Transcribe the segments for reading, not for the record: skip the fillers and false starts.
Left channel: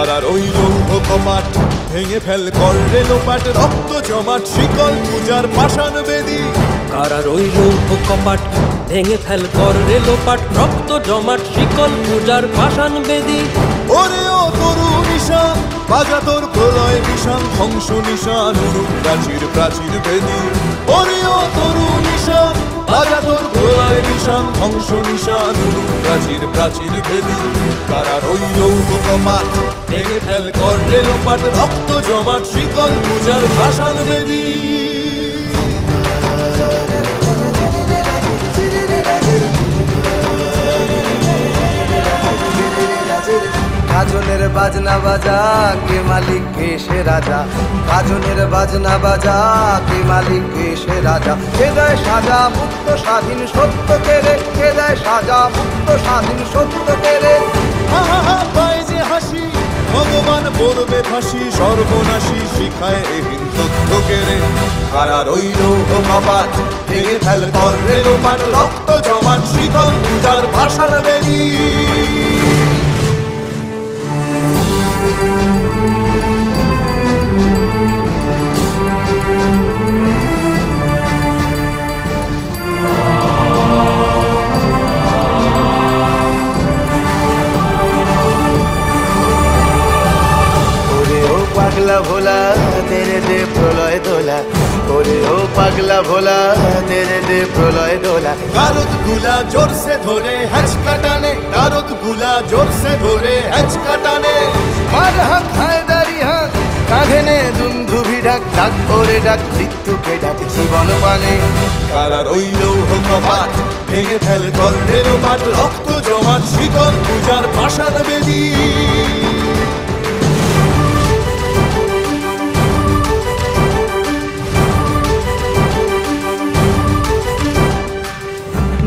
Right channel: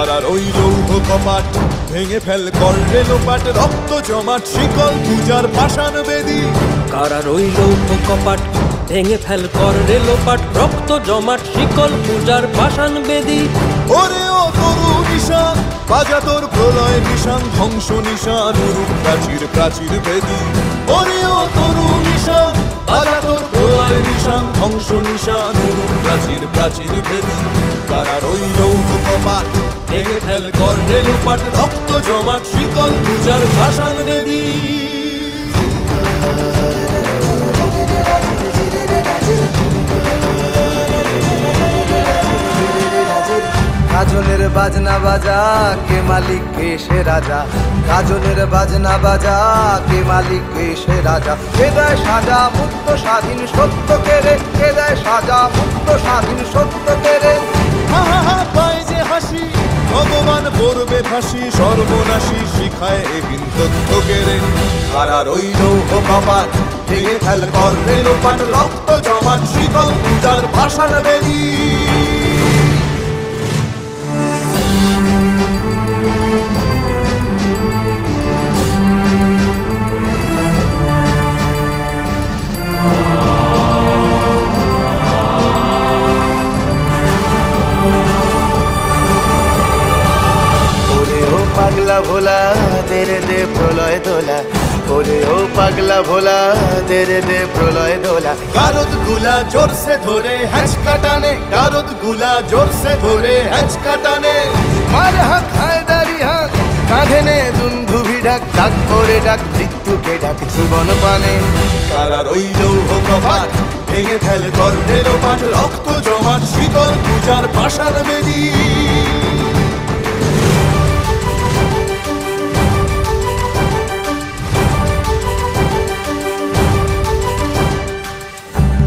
কারার ওই লৌহ কপাট ভেঙে ফেল কর রেলোপাট, রক্ত জমাট শিকল পূজার পাষাণ বেদী। কারার ওই লৌহ কপাট ভেঙে ফেল কর রেলোপাট, রক্ত জমাট শিকল পূজার পাষাণ বেদী। ওরে ও তরু নিশান বাজা তোর প্রলয় বিষান, ধ্বংস নিশান উরুপ প্রাচীর প্রাচীর ভেদী। ওরে ও তরু নিশান বাজা তোর প্রলয় নিশান, ধ্বংস নিশান উরুপ প্রাচীর প্রাচীর ভেদী। কারার ওই লৌহ কপাট ভেঙে ফেল কর রেলোপাট, রক্ত জমাট শিকল পূজার পাষাণ বেদী। গাজনের বাজনা বাজা কে মালিক কে সে রাজা, গাজনের বাজনা বাজা কে মালিক কে সে রাজা। কে দেয় সাজা মুক্ত স্বাধীন সত্য কেড়ে, কে দেয় সাজা মুক্ত স্বাধীন সত্য কেড়ে। হা হা হা পায় যে হাসি ভগবান পড়বে ফাঁসি, সর্বনাশী শিখায় এহীন তথ্য কেড়ে। কারার ওই লৌহ কপাট ভেঙে ফেল কর রেলোপাট, রক্ত জমাট শিকল পূজার পাষাণ বেদী। ওরে ও পাগলা ভোলা দে রে দে প্রলয় দোলা, ওরে ও পাগলা ভোলা দে রে দে প্রলয় দোলা। গারদ গুলা জোরসে ধরে হ্যাচকা টানে, গারদ গুলা জোরসে ধরে হ্যাচকা টানে। মার হাক হায়দারি হাক কাঁধে নে দুন্ধুভি ডাক, ডাক ওরে ডাক মৃত্যুকে ডাক জীবন পানে। কারার ওই লৌহ কপাট ভেঙে ফেল কর রেলোপাট, রক্ত জমাট শিকল পূজার পাষাণ বেদী।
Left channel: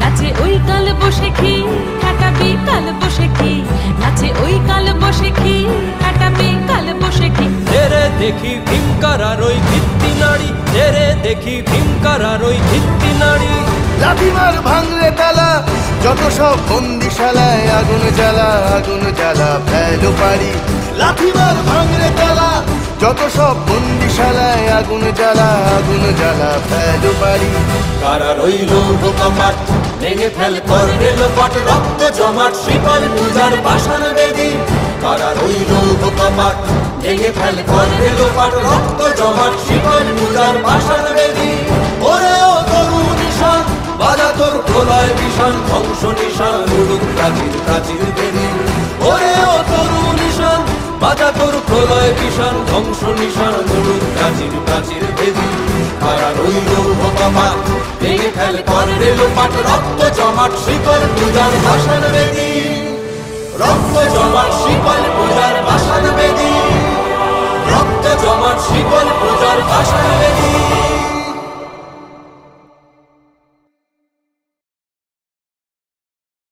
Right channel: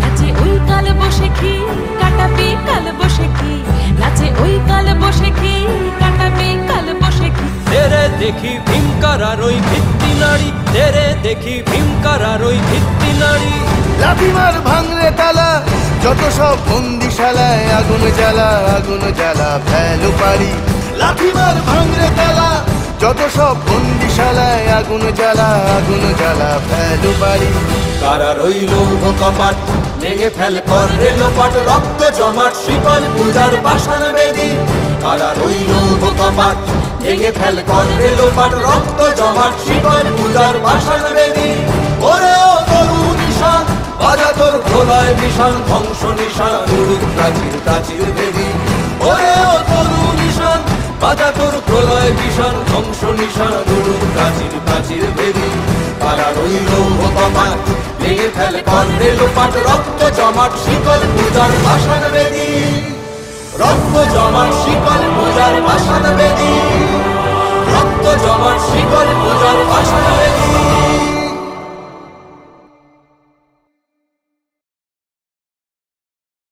নাচে ওই কাল বসে কি কাটাবি কাল বসে কি, নাচে ওই কাল বসে কি কাটাবি কাল বসে কি। তেরে দেখি ভীমকারার ওই ভিত্তি নাড়ি, তেরে দেখি ভীমকারার ওই ভিত্তি নাড়ি। লাথিমার ভাঙরে তালা যত সব বন্দিশালায়, আগুন জ্বালা আগুন জ্বালা ফেলো পারি। লাথিমার ভাঙরে তালা যত সব বন্দিশালায়, আগুন জ্বালা আগুন জ্বালা ফেলো পারি। কারার ওই লৌহ কপাট ভেঙে ফেল কর রেলোপাট, রক্ত জমাট শিকল পূজার পাষাণ বেদী। কারার ওই লৌহ কপাট ভেঙে ফেল কর রেলোপাট, রক্ত জমাট শিকল পূজার পাষাণ বেদী। ওরে ও তরু নিশান বাজা তোর প্রলয় বিষান, ধ্বংস নিশান উড়ুক প্রাচীর প্রাচীর ভেদী। ওরে ও তরু নিশান বাজা তোর প্রলয় বিষান, ধ্বংস নিশান উড়ুক প্রাচীর প্রাচীর ভেদী। কারার ওই লৌহ কপাট ভেঙে ফেল কর রেলোপাট, রক্ত জমাট শিকল পূজার পাষাণ বেদী। রক্ত জমাট শিকল পূজার পাষাণ বেদী, রক্ত জমাট শিকল পূজার পাষাণ বেদী।